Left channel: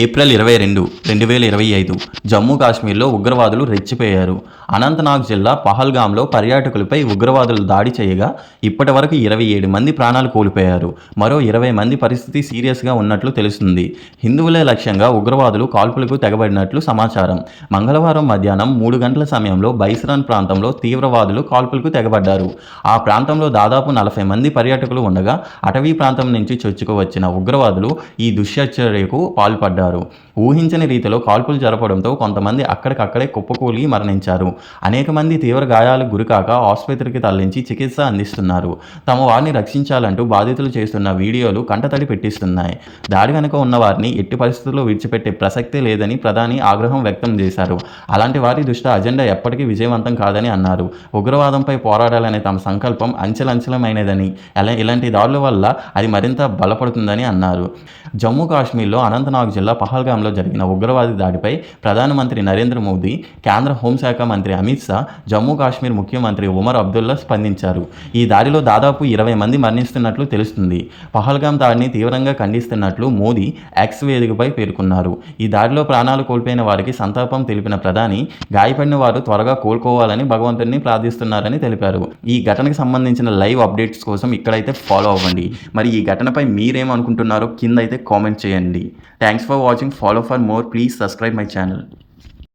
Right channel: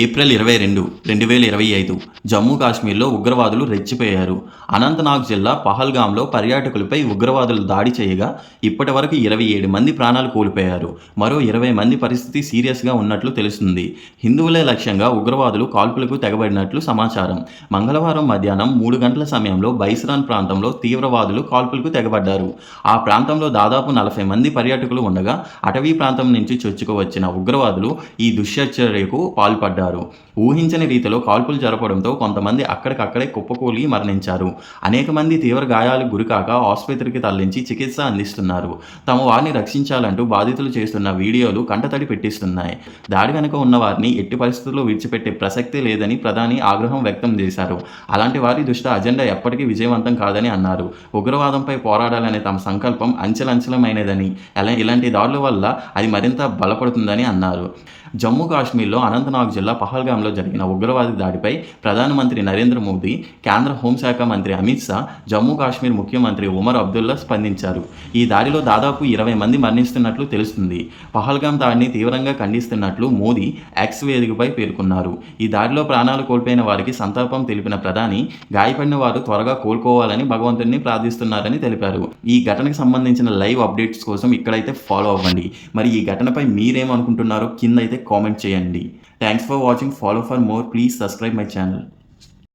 April ఇరవై రెండు రెండు వేల ఇరవై ఐదు జమ్మూ కాశ్మీర్లో ఉగ్రవాదులు రెచ్చిపోయారు. అనంతనాగ్ జిల్లా పహల్గాంలో పర్యాటకులపై ఉగ్రవాదులు దాడి చేయగా ఇప్పటి వరకు ఇరవై ఏడు మంది ప్రాణాలు కోల్పోయారు. మరో ఇరవై మంది పరిస్థితి సీరియస్గా ఉన్నట్లు తెలుస్తుంది. హిందువులే లక్ష్యంగా ఉగ్రవాదులు కాల్పులకు తెగబడినట్లు సమాచారం. మంగళవారం మధ్యాహ్నం మూడు గంటల సమయంలో బైసరాన్ ప్రాంతంలో తీవ్రవాదులు కాల్పులకు తెగబడ్డారు. ఆ ప్రాంతంలో దాదాపు నలభై మంది పర్యాటకులు ఉండగా అటవీ ప్రాంతం నుంచి చొచ్చుకు వచ్చిన ఉగ్రవాదులు ఈ దుశ్చర్యకు పాల్పడ్డారు. ఊహించని రీతిలో కాల్పులు జరపడంతో కొంతమంది అక్కడికక్కడే కుప్పకూలి మరణించారు. అనేక మంది తీవ్ర గాయాలకు గురికాక ఆసుపత్రికి తరలించి చికిత్స అందిస్తున్నారు. తమ వారిని రక్షించాలంటూ బాధితులు చేస్తున్న వీడియోలు కంటతడి పెట్టిస్తున్నాయి. దాడి వెనుక ఉన్న వారిని ఎట్టి పరిస్థితుల్లో విడిచిపెట్టే ప్రసక్తి లేదని ప్రధాని ఆగ్రహం వ్యక్తం చేశారు. అలాంటి వారి దృష్టి అజెండా ఎప్పటికీ విజయవంతం కాదని అన్నారు. ఉగ్రవాదంపై పోరాడాలనే తమ సంకల్పం అంచెలంచెలమైనదని అలా ఇలాంటి దాడుల వల్ల అది మరింత బలపడుతుందని అన్నారు. జమ్మూ కాశ్మీర్లో అనంతనాగ్ జిల్లా పహల్గాంలో జరిగిన ఉగ్రవాది దాడిపై ప్రధానమంత్రి నరేంద్ర మోదీ కేంద్ర హోంశాఖ మంత్రి అమిత్ షా జమ్మూ కాశ్మీర్ ముఖ్యమంత్రి ఉమర్ అబ్దుల్లా స్పందించారు. ఈ దాడిలో దాదాపు ఇరవై మంది మరణిస్తున్నట్లు తెలుస్తుంది. పహల్గాం దాడిని తీవ్రంగా ఖండిస్తున్నట్లు మోదీ ఎక్స్ వేదికపై పేర్కొన్నారు. ఈ దాడిలో ప్రాణాలు కోల్పోయిన వారికి సంతాపం తెలిపిన ప్రధాని గాయపడిన వారు త్వరగా కోలుకోవాలని భగవంతుడిని ప్రార్థిస్తున్నారని తెలిపారు. ఈ ఘటనకు సంబంధించిన లైవ్ అప్డేట్స్ కోసం ఇక్కడైతే ఫాలో అవ్వండి. మరి ఈ ఘటనపై మీరేమనుకుంటున్నారో కింద అయితే కామెంట్ చేయండి. Thanks for watching. Follow for more. Please subscribe my channel.